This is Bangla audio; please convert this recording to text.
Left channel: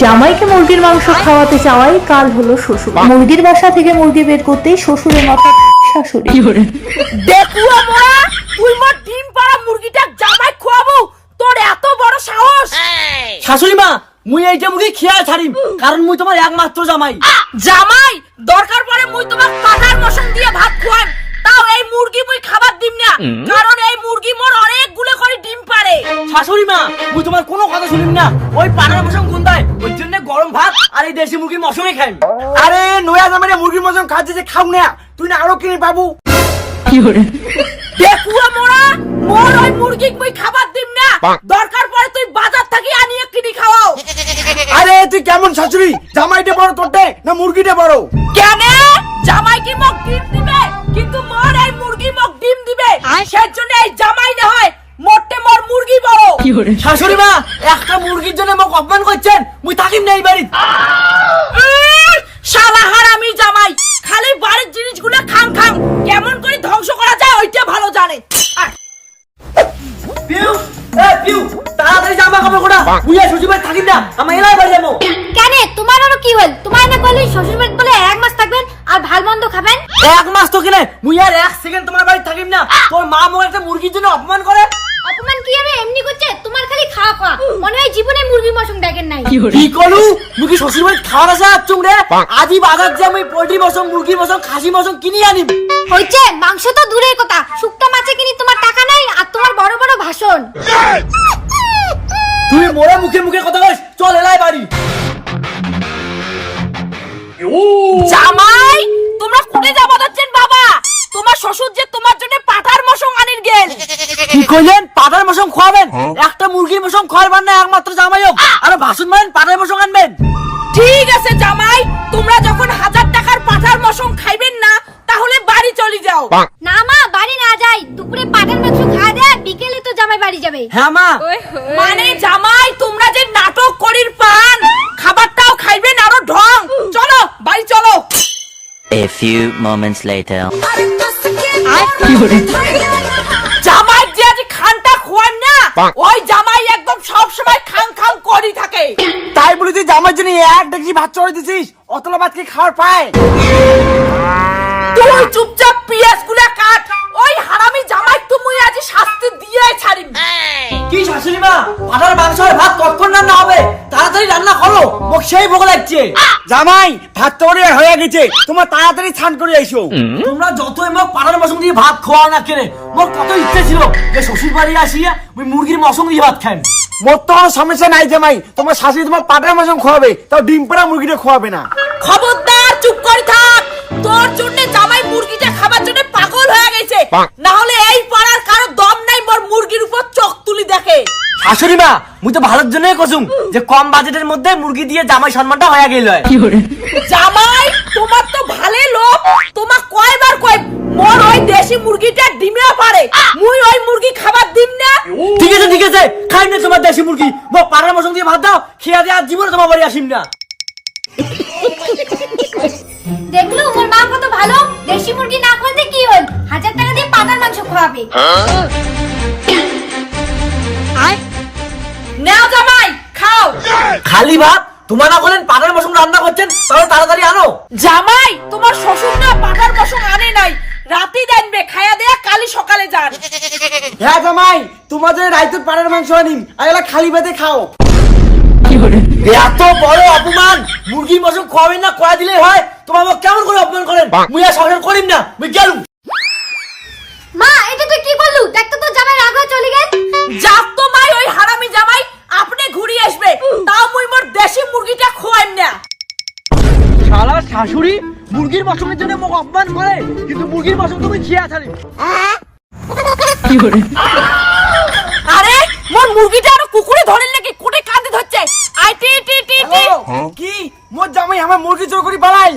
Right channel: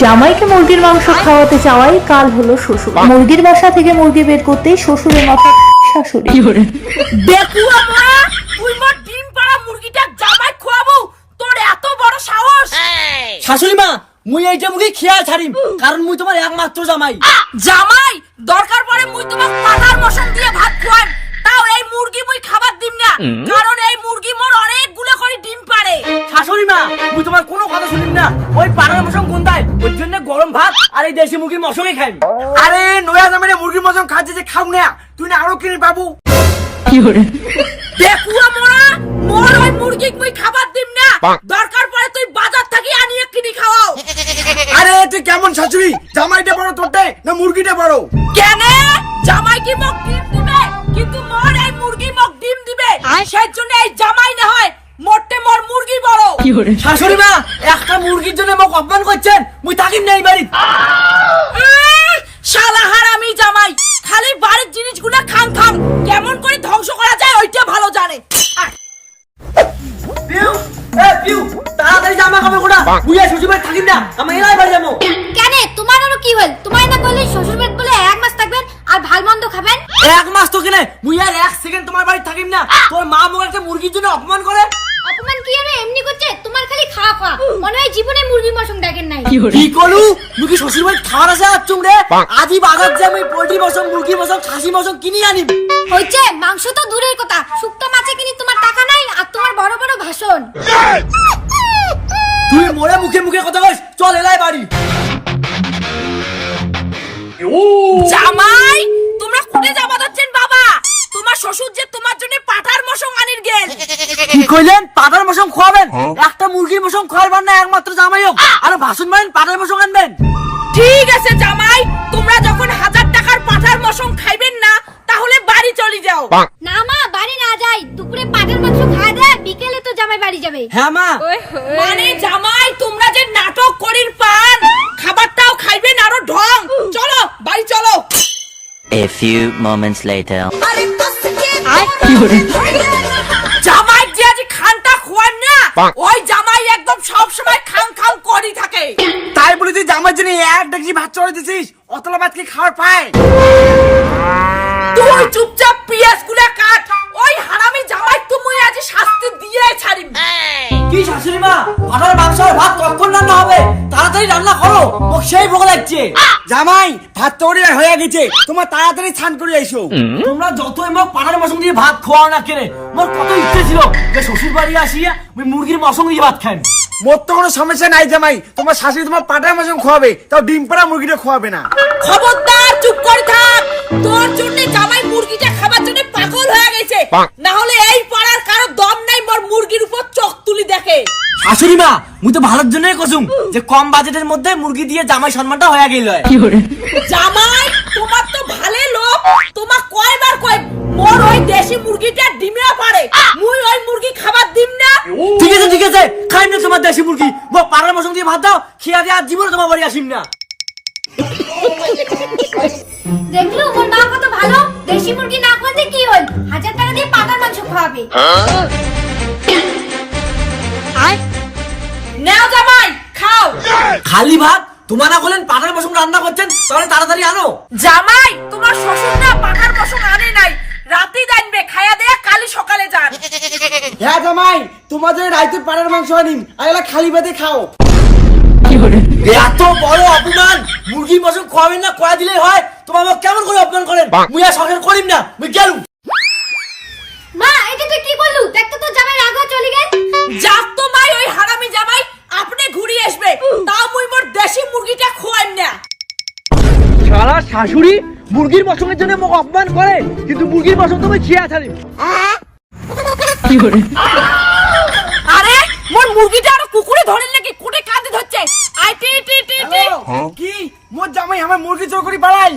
জামাইকে মুরগির মাংস খাওয়াতে চাওয়াই কাল হলো শ্বশুর। মুরগির বাসা থেকে মুরগি বের করতেই শ্বশুরের মাথা শাশুড়ি। দেখুয়া মোরা তুই মোর ডিম পাড়া মুরগিটা জামাই খোয়াবো তোর এত বড় সাহস। শাশুড়ি মা মুই এইটা মুখে খেয়াল ছাড়িম কারণ মুই তোমার একমাত্র জামাই। জামাই দরকার পড়ে মুই তোমাক পাঠার মশন দিয়ে ভাত খোয়াম। তাও এই মুরগি মুই খাবার দিম না কারণ এই মুরগি মোর অনেকগুলো করে ডিম পাড়ে শাশুড়ি মা মুই তোমার কোনো কথা শুনিম না। ওই পাড়ার মশন গন্ধায় ওই জন্য গরম ভাত আর এই দেশি মুরগির মশনই খাইম। আরে নয়া জামাইরে মুরগির মতন খাচ্ছে যে খাও না তুই না আরও কিনে পাবো। দেখুয়া মোরা মোর ওই মুরগি মুই খাবার দিম না। দরকার পড়ে তুই বাজার থেকে আনিয়ে কিনি খাওয়াও। আরে তুই কেমন শাশুড়ি জামাইটা বড় তোরটে না মুরগিটা বড়? কেন? জামাই কি মোক ডিম দিবে? কিন্তু মোর এই মুরগি মোক ডিম দিবে। সেই জন্য এই জামাই না হয় মোটে মোর মুরগি বড় শাশুড়ি মা একটা মুরগির জন্য মোক অপমান করছেন। মুই থাকিম না এই বাড়ি শালা হারামি জামাই খালি বাড়ির জিনিসগুলো খাং খাং কেমন করে ধ্বংস করা যায় ওইটা ভালো জানে। তাড়াতাড়ি জামা কাপড় কোটা শ্বশুর বাড়ি থাকিম না আমি এলাই বাড়ি যাব। কেন তোমার আরও কি হল? তোমার না বললি শ্বশুর বাড়ি বলে এক মাস থাকবেন আর ভালো মন্দ খাবেন? এক মাস তো কিনে মুই আর এক সেকেন্ড তোমার বাড়ি থাকিম না। তোর মা মোক একটা মুরগির জন্য অপমান করে। অপমান কি আরে এমনি করছে? তোমার খালি খাওয়া খাওয়া মনে হয় জীবনে মুরগি মশম দেখেন নাই। কি করু? মুই কি শ্বশুর বাড়ি খাওয়ার আছে আসছুম রে আজি বাজার যে আমি পোল্ট্রি মশম মুরগি মশম খাসি মশম কিনি আনিম? হইছে মাংস তো দূরের কথা। শুক্তো মাছে কিনি তোমার টাকা নাই আর তোমার বড় বড় ভাষণ। তুই মোরে মুখে মুখে কথা কইস চল এলাই বাড়ি। জামাই তোমরা কোটে যাবা যাচ্ছেন বাবা? তোমার শ্বশুর যে তোমার জন্য পাঠার মশং আনির গেল। কি কইলেন? পাটার মশম খাওয়াবেন একটা মুরগির মশম খাওয়াবার না একমাত্র জামাই হোক আর ভাসুন মারেন পাটার মশম আনবেন। ঠিক আছে জামাই তোমরা যখন হাজার টাকার পাঠার মশং খাইবেন না তাহলে বাড়ি চলে যাও। না মা বাড়ি না যাই। দুপুরে পাঠার মাংস খাওয়া দেয় বিকেলে তো জামাই বাড়ি যাবে। হ্যাঁ মা। মানে জামাই তোমরা যে নাটক করির পান খাবারটাও খাইবেন আরও ঢং। চলো বাড়ি চলো। A few moments later. জামাই যে আজ খানটা খোয়ান না ওই জামাই একদম সব সময় খান খান করি থাকে। তাই বলি তুই জামাইর জন্য এক ডেকচি ভাত চড়ে দিছিস অতলা ভাত কি খাওয়ার পায়? তুই চুপচাপ পিয়াজগুলা কাট ওই হারামি জামাই তুমি আজ শাস্তি দিয়ে ছাড়িম। কি শাশুড়ি মা? পাটার মাংস আর ভাত কখন রান্না হবে? তাড়াতাড়ি রান্না করো। মোক সেই ভোগ লাগছে। জামাই ভাত তো হয়ে গেছে। তোমার তাড়াতাড়ি স্নান করে আইসো তোমরা যতই মোক পাটার মশম দিয়ে ভাত খাওয়াও না কেনে মোর কত ইচ্ছে ছিল যে শ্বশুর বাড়ি আসিয়া ওই মুরগির মশম দিয়ে ভাত খাই মোর তো কোনো সমস্যা নাই জামাই। তোমার শাশুড়ি তোমার পাটায় মাসম খাওয়াবে তাও ডিম পাড়া মুরগিটা খাওয়াবে না। খবরদার চুপ করে থাক। তোর জন্য জামাই মুরগিটা খাবার জন্য পাগল হয়ে গেছে। না হলে এই পাড়ার কারও দম নাই মোর মুরগির উপর চোখ তুলি দেখে শাশুড়ি মা মুই তো ভালোর জন্যই কসুম যে কম বাজেটের মধ্যে মুরগি দিয়ে জামাই সম্মানটা হয়ে গেল। জামাই তোমার তো ভালে লোক তোমার কয়বার কয় মোর ওই দেশি মুরগিটা ডিমেও পারে। মুই ওই মুরগি খাবার দিম না। ঠিক আছে ঠিক আছে খাইম না তোমার দেশি মুরগি। মোক পাড়ার মশম দিয়ে ভাত দাও খেয়া দিয়ে আর জীবনে তোমার বাড়ি আসিম না। দেখলু ওর মা কত ভালো। দেশি মুরগি না খাওয়াতে কি হল? হাজার টাকা দিয়ে পাঠার মাংস খাওয়াবে। খাও খালি ভাত? তোমার না বলেন পাড়ার মশম রান্না করছেন? তাহলে তাড়াতাড়ি আনো। জামাই তোমার শ্বশুর না পাঠার বসং আনে নাই। রাতে খায়া দেয়া কালি সকালে যান। হ্যাঁ জামাই তোমাদের রাইতুর পাড়ার মাংস আনিম আর এলা খালি ভাতে খাও। এত বড় অপমান! মুরগির মশম খাওয়াবেন না কয়া দিলে হয়। তোমার আমাকে কেমন করে অপমান করেন? মুই আর সংসার করিম না মুই গেলুম। মা এটা তুই কি করলু দেখতো শাশুড়ি মুরগির মশমের জন্য মোক অপমান করে কিন্তু মুরগির মশম তুমি খেয়ে ছাড়ি আরে মোর মুরগিটা আরও কুকুরে ধরেন নাকি? কোটে কাঁদে ধরছে। আই টি টি টি টি। কি? মোর জামাই আমার মুরগি চোর করি পালাই।